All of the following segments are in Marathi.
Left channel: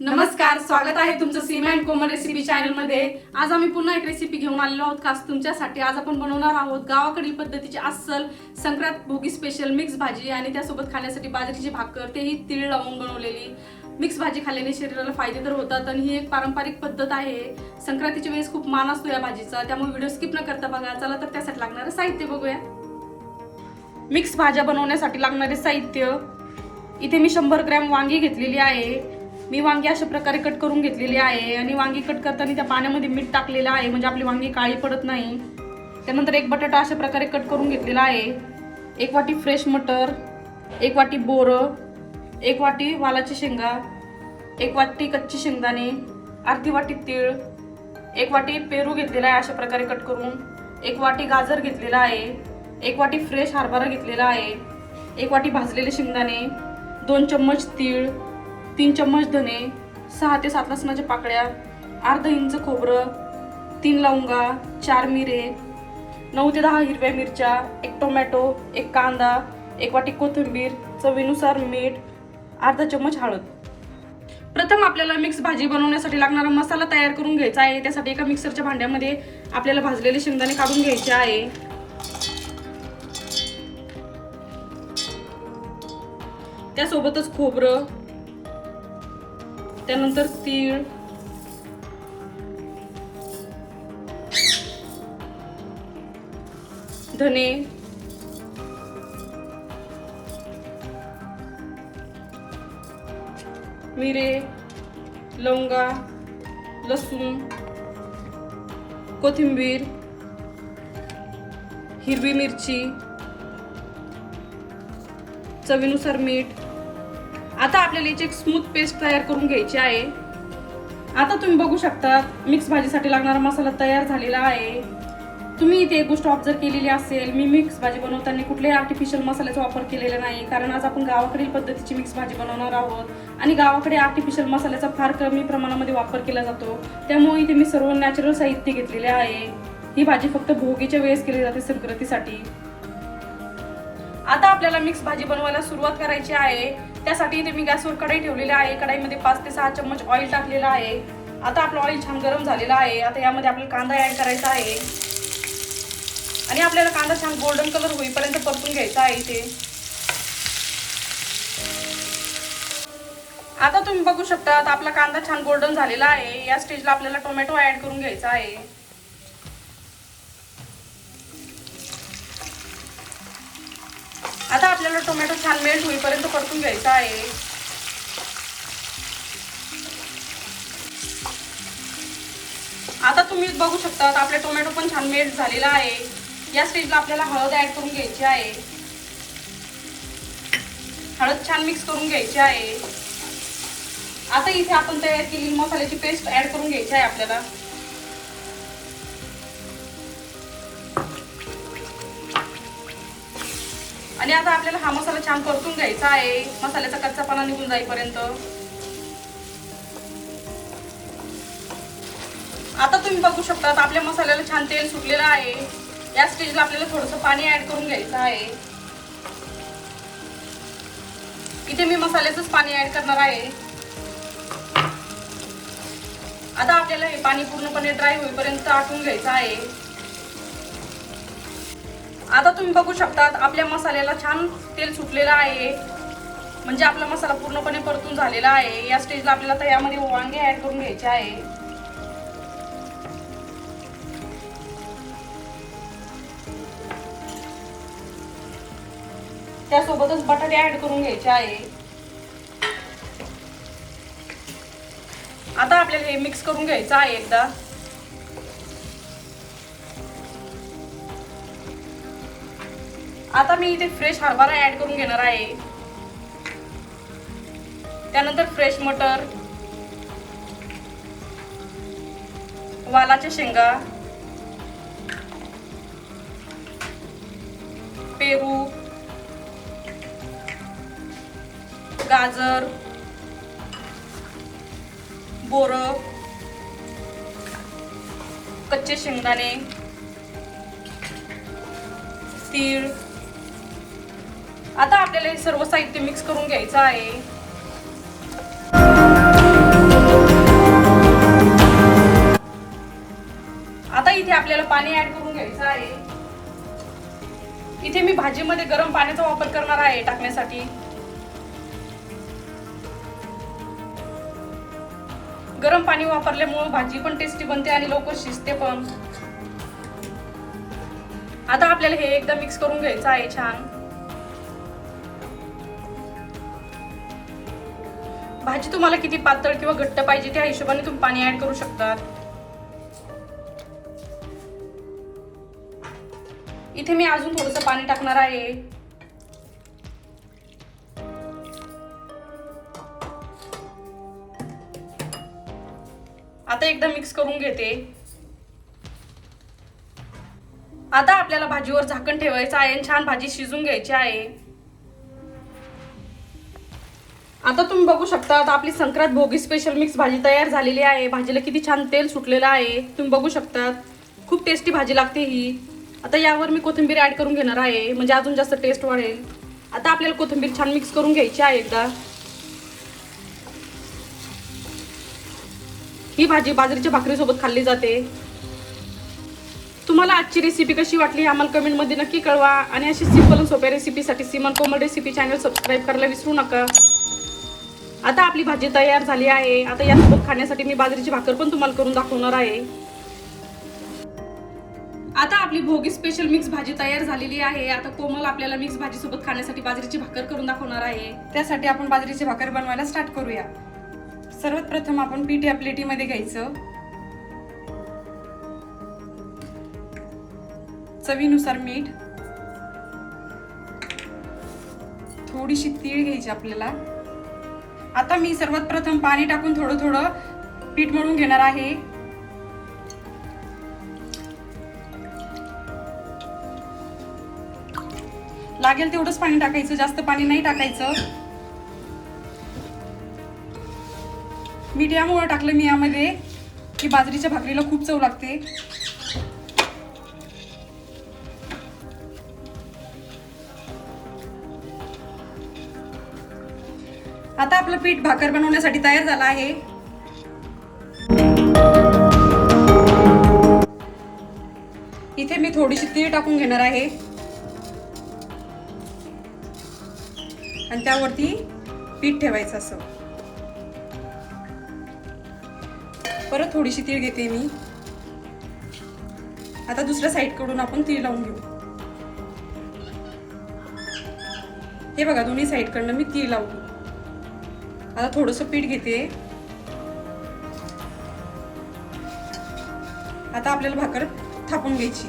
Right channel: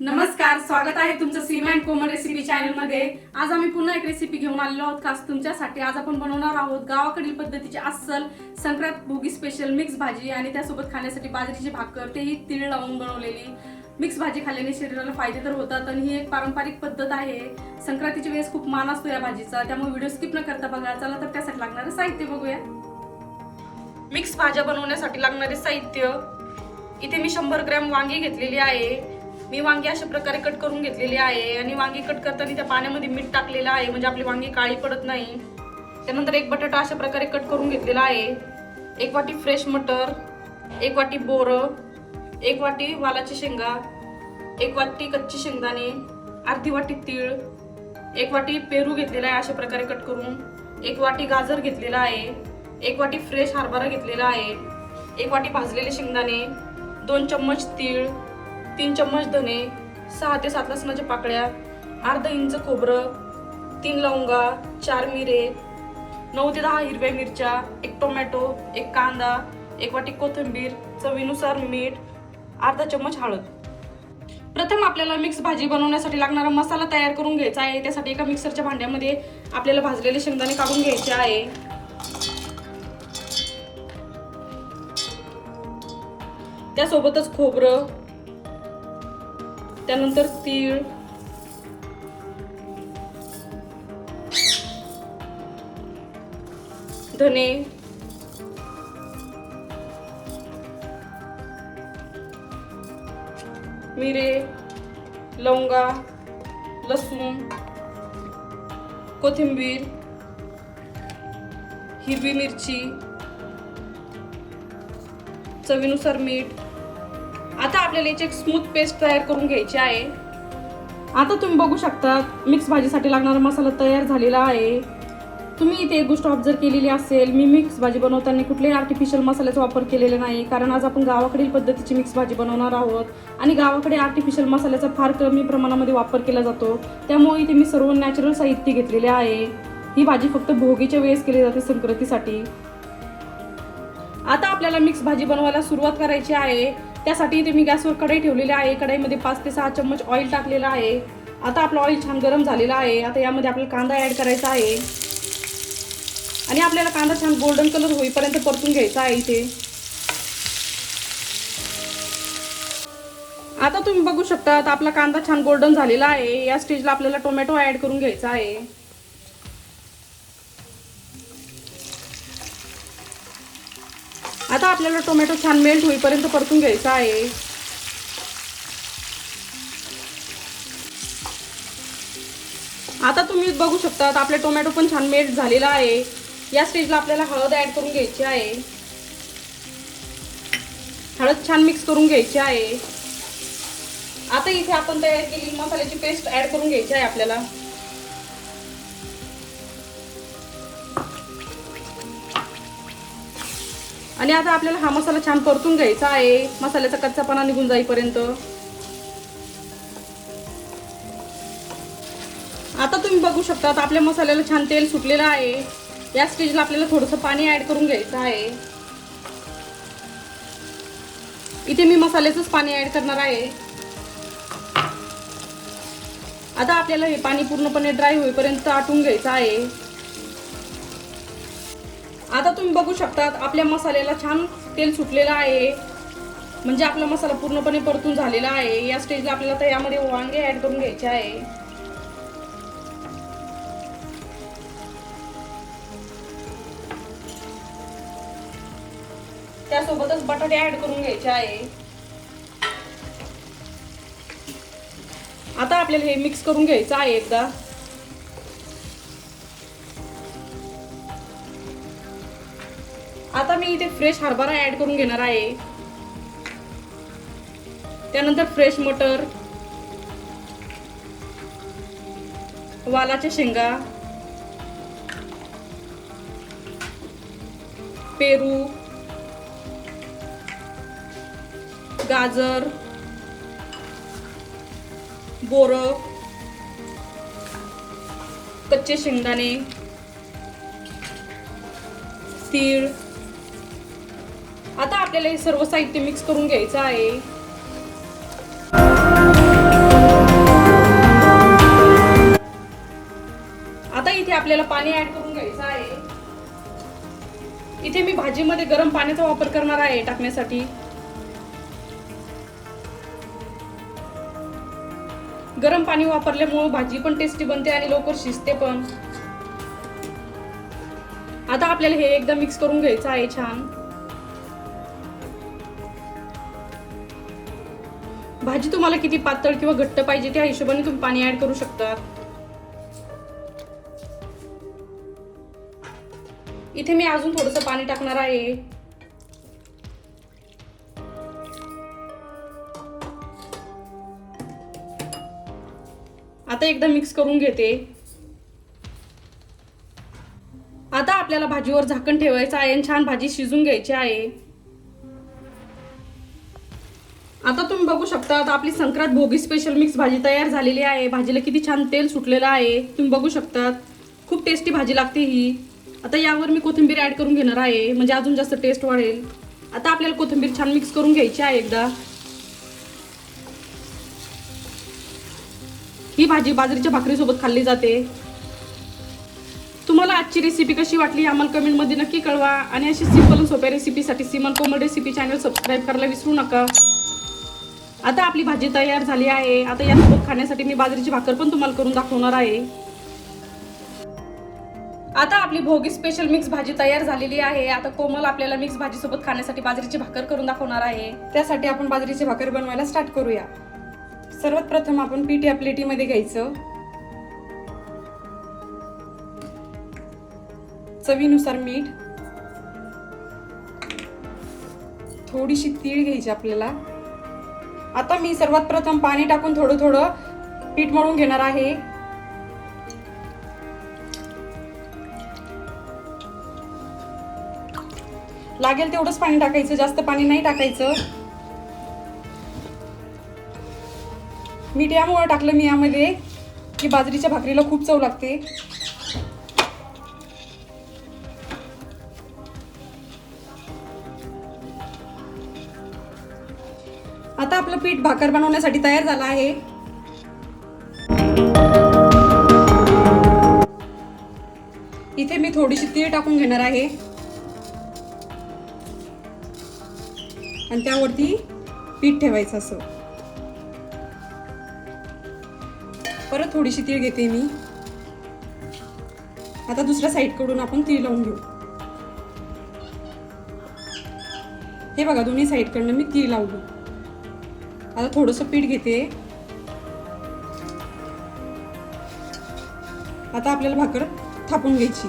नमस्कार स्वागत आहे तुमचं सीमा अँड कोमल रेसिपी चॅनलमध्ये. आज आम्ही पुन्हा एक रेसिपी घेऊन आलेलो आहोत खास तुमच्यासाठी. आज आपण बनवणार आहोत गावाकडील पद्धतीची अस्सल संक्रांत भोगी स्पेशल मिक्स भाजी आणि त्यासोबत खाण्यासाठी बाजरीची भाकर. तेही तीळ लावून बनवलेली. मिक्स भाजी खाल्ल्याने शरीराला फायदे तर होतात आणि ही एक पारंपरिक पद्धत आहे. संक्रांतीच्या वेळेस खूप मान असतो या भाजीचा. त्यामुळे व्हिडिओ स्किप न करता बघा. चला तर त्यासाठी लागणारं साहित्य बघूया. मिक्स भाज्या बनवण्यासाठी लागणारे साहित्य. इथे मी शंभर ग्रॅम वांगी घेतलेली आहे. मी वांगी अशा प्रकारे कट करून घेतलेली आहे. आणि वांगी कट करताना त्या पाण्यामध्ये मीठ टाकलेलं आहे. म्हणजे आपली वांगी काळी पडत नाही. त्यानंतर एक बटाटा अशा प्रकारे कट करून घेतलेला आहे. एक वाटी फ्रेश मटर एक वाटी बोरं एक वाटी वालाची शेंगा एक वाटी कच्ची शेंगदाणे अर्धी वाटी तीळ एक वाटी पेरू घेतलेला आहे अशा प्रकारे कट करून. एक वाटी गाजर घेतलेला आहे. एक वाटी फ्रेश हरभरा घेतलेला आहे. एक वाटी भाजलेले शेंगदाणे दोन चम्मच तीळ तीन चम्मच धने सहा ते सात लसणाच्या म्हणजे पाकळ्या अर्धा इंच खोबरं तीन लवंगा चार मिरे नऊ ते दहा हिरव्या मिरच्या एक टोमॅटो एक कांदा एक वाटी कोथिंबीर चवीनुसार मीठ अर्धा चम्मच हळद. प्रथम आपल्याला मिक्स भाजी बनवण्यासाठी लागणारा मसाला तयार करून घ्यायचा आहे. त्यासाठी एका मिक्सरच्या भांड्यामध्ये आपल्याला भाजलेले शेंगदाणे काढून घ्यायचे आहे. त्यासोबतच खोबरं त्यानंतर तीळ. धने. मिरे. लवंगा. लसूण. कोथिंबीर. हिरवी मिरची. चवीनुसार मीठ. आता आपल्याला याची एक स्मूथ पेस्ट तयार करून घ्यायची आहे. आता तुम्ही बघू शकता मिक्स भाजीसाठी लागणारा मसाला तयार झालेला आहे. तुम्ही इथे एक गोष्ट ऑब्झर्व केलेली असेल मी मिक्स भाजी बनवताना कुठल्याही आर्टिफिशियल मसाल्याचा वापर केलेला नाही कारण आज आपण गावाकडील पद्धतीची मिक्स भाजी बनवणार आहोत. आणि गावाकडे आर्टिफिशियल मसाल्याचा फार कमी प्रमाणामध्ये वापर केला जातो. त्यामुळे इथे मी सर्व नॅचरल साहित्य घेतलेले आहे. ही भाजी फक्त भोगीच्या वेळेस केली जाते संक्रांतीसाठी. आता आपल्याला मिक्स भाजी बनवायला सुरुवात करायची आहे. त्यासाठी इथे मी गॅसवर कढई ठेवलेली आहे. कढईमध्ये पाच ते सहा चम्मच ऑइल टाकलेलं आहे. आता आपलं ऑइल छान गरम झालेलं आहे. आता यामध्ये आपल्याला कांदा ॲड करायचा आहे. आणि आपल्याला कांदा छान गोल्डन कलर होईपर्यंत परतून घ्यायचा आहे इथे. आता तुम्ही बघू शकता आता आपला कांदा छान गोल्डन झालेला आहे. या स्टेजला आपल्याला टोमॅटो ॲड करून घ्यायचा आहे. आपल्याला टोमॅटो छान मेल्ट होईपर्यंत परतून घ्यायचा आहे. आता तुम्ही बघू शकता आपले टोमॅटो पण छान मेल्ट झालेला आहे. या स्टेजला आपल्याला हळद ऍड करून घ्यायची आहे. हळद छान मिक्स करून घ्यायची आहे. आता इथे आपण तयार केली मसाल्याची पेस्ट ऍड करून घ्यायची आहे आपल्याला. आणि आता आपल्याला हा मसाला छान परतून घ्यायचा आहे. मसाल्याचा कच्चापणा निघून जाईपर्यंत. आता तुम्ही बघू शकता आपल्या मसाल्याला छान तेल सुटलेलं आहे. या स्टेजला आपल्याला थोडंसं पाणी ऍड करून घ्यायचं आहे. इथे मी मसाल्याचंच पाणी ऍड करणार आहे. आता आपल्याला हे पाणी पूर्णपणे ड्राय होईपर्यंत आटून घ्यायचं आहे. आता तुम्ही बघू शकतात आपल्या मसाल्याला छान तेल सुटलेलं आहे. म्हणजे आपला मसाला पूर्णपणे परतून झालेला आहे. या स्टेजला आपल्याला आता यामध्ये वांगे ऍड करून घ्यायचे आहे. त्यासोबतच बटाटे ऍड करून घ्यायचे आहे. आता आपल्याला हे मिक्स करून घ्यायचं आहे एकदा. आता मी इथे फ्रेश हरभरा ऍड करून घेणार आहे. त्यानंतर फ्रेश मटर वालाच्या शेंगा पेरू गाजर बोर कच्चे शेंगदाणे तीळ आता आपल्याला हे सर्व साहित्य मिक्स करून घ्यायचं आहे. आता इथे आपल्याला पाणी ऍड करून घ्यायचं आहे. इथे मी भाजीमध्ये गरम पाण्याचा वापर करणार आहे टाकण्यासाठी. गरम पाणी वापरल्यामुळे भाजी पण टेस्टी बनते आणि लवकर शिजते पण. आता आपल्याला हे एकदा मिक्स करून घ्यायचं आहे छान. भाजी तुम्हाला किती पातळ किंवा घट्ट पाहिजे त्या हिशोबाने तुम्ही पाणी ऍड करू शकता. इथे मी अजून थोडस पाणी टाकणार आहे. आता एकदा मिक्स करून घेते. आता आपल्याला भाजीवर झाकण ठेवायचं आहे आणि छान भाजी शिजून घ्यायची आहे. आता तुम्ही बघू शकता आता आपली संक्रांत भोगी स्पेशल मिक्स भाजी तयार झालेली आहे. भाजीला किती छान तेल सुटलेलं आहे. तुम्ही बघू शकतात. खूप टेस्टी भाजी लागते ही. आता यावर मी कोथिंबीर ऍड करून घेणार आहे. म्हणजे अजून जास्त टेस्ट वाढेल. आता आपल्याला कोथिंबीर छान मिक्स करून घ्यायची आहे एकदा. ही भाजी बाजरीच्या भाकरीसोबत खाल्ली जाते. तुम्हाला आजची रेसिपी कशी वाटली आम्हाला कमेंटमध्ये नक्की कळवा. आणि अशी सिंपल सोप्या रेसिपीसाठी Siman Komal recipe channel subscribe करायला विसरू नका. आता आपली भाजी तयार झाली आहे. आता यासोबत खाण्यासाठी मी बाजरीची भाकर पण तुम्हाला करून दाखवणार आहे. आता आपली भोगी स्पेशल मिक्स भाजी तयार झालेली आहे. आता कोमल आपल्याला मिक्स भाजी सोबत खाण्यासाठी बाजरीची भाकर करून दाखवणार आहे. त्यासाठी आपण बाजरीची भाकर बनवायला स्टार्ट करूया. सर्वात प्रथम आपण पीठ या प्लेटीमध्ये घ्यायचं. चवीनुसार मीठ. थोडीशी तीळ घ्यायची आपल्याला. आता मी सर्वात प्रथम पाणी टाकून थोडं थोडं पीठ मळून घेणार आहे. लागेल तेवढंच पाणी टाकायचं जास्त पाणी नाही टाकायचं. मीठ यामुळे टाकलं मी यामध्ये की बाजरीच्या भाकरीला खूप चव लागते. पीठ भाकर बनवण्यासाठी तयार झालं आहे. इथे मी थोडीशी तीळ टाकून घेणार आहे. आणि त्यावरती पीठ ठेवायचं असं. परत थोडीशी तीळ घेते मी. आता दुसऱ्या साईडकडून आपण तीळ लावून घेऊ. हे बघा दोन्ही साईड कडनं मी तीळ लावली. आता थोडस पीठ घेते. आता आपल्याला भाकर थापून घ्यायची.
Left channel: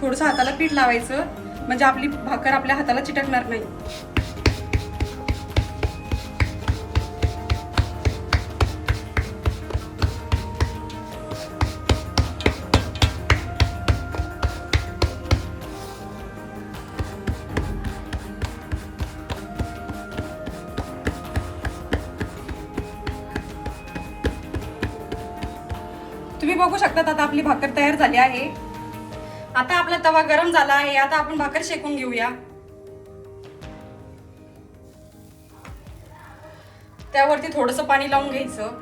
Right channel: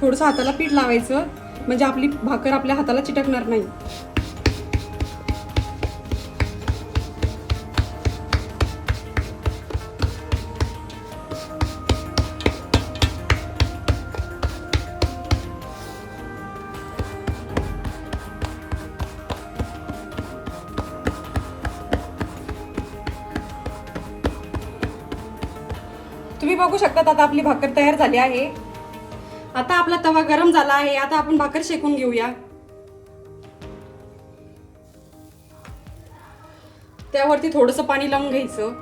थोडस हाताला पीठ लावायचं. म्हणजे आपली भाकर आपल्या हाताला चिटकणार नाही. तुम्ही बघू शकता आता आपली भाकर तयार झाली आहे. आता आपला तवा गरम झाला आहे आता आपण भाकर शेकून घेऊया. त्यावरती थोडस पाणी लावून घ्यायचं.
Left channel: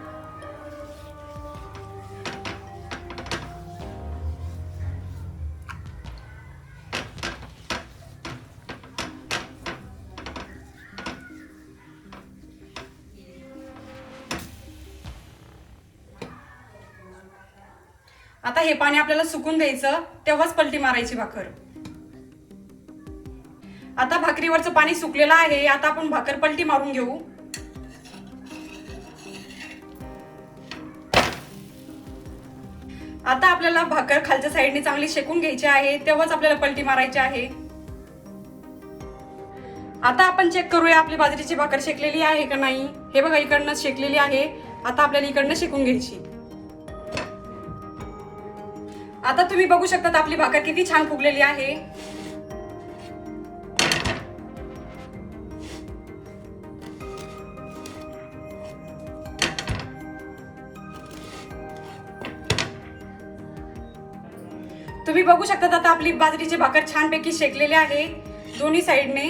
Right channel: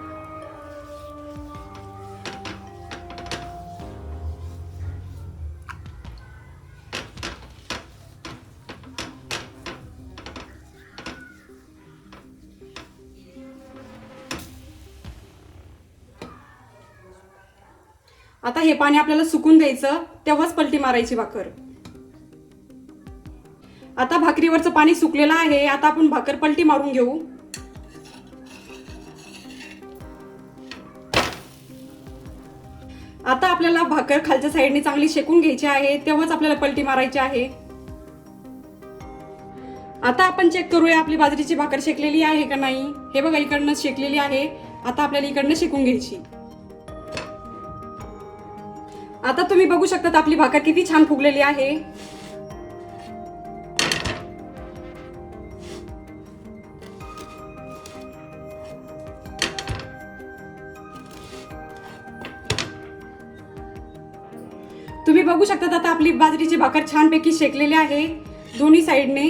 आता हे पाणी आपल्याला सुकून द्यायचं तेव्हाच पलटी मारायची भाकर. आता भाकरीवरचं पाणी सुकलेलं आहे आता आपण भाकर पलटी मारून घेऊ. आता आपल्याला भाकर खालच्या साईडने चांगली शेकून घ्यायची आहे तेव्हाच आपल्याला पलटी मारायची आहे. आता आपण चेक करूया आपली बाजरीची भाकर शेकलेली आहे का नाही. हे बघा इकडनं शेकलेली आहे. आता आपल्याला इकडनं शेकून घ्यायची. आता तुम्ही बघू शकता आपली भाकर किती छान फुगलेली आहे. तुम्ही बघू शकता आता आपली बाजरीची भाकर छानपैकी शेकलेली आहे दोन्ही साईडने.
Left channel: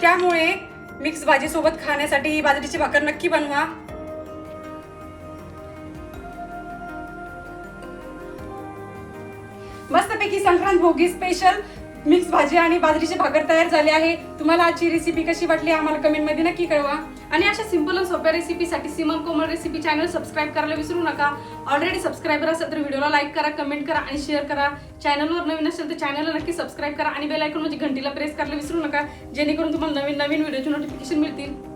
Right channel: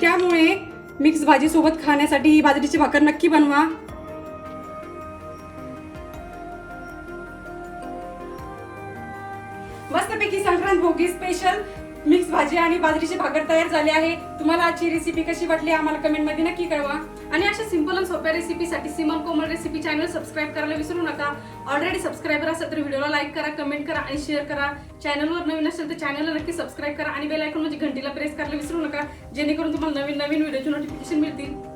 त्यामुळे मिक्स भाजी सोबत खाण्यासाठी ही बाजरीची भाकर नक्की बनवा. भोगी स्पेशल मिक्स भाजी आणि बाजरीची भाकर तयार झाली आहे. तुम्हाला आजची रेसिपी कशी वाटली आम्हाला कमेंटमध्ये नक्की कळवा. आणि अशा सिंपल आणि सोप्या रेसिपीसाठी Simal Komal recipe channel subscribe करायला विसरू नका. ऑलरेडी सबस्क्रायबर असेल तर व्हिडिओला लाईक करा कमेंट करा आणि शेअर करा. चॅनलवर नवीन असेल तर चॅनलला नक्की सबस्क्राईब करा आणि बेल आयकॉन म्हणजे घंटीला प्रेस करायला विसरू नका. जेणेकरून तुम्हाला नवीन नवीन व्हिडिओची नोटिफिकेशन मिळतील.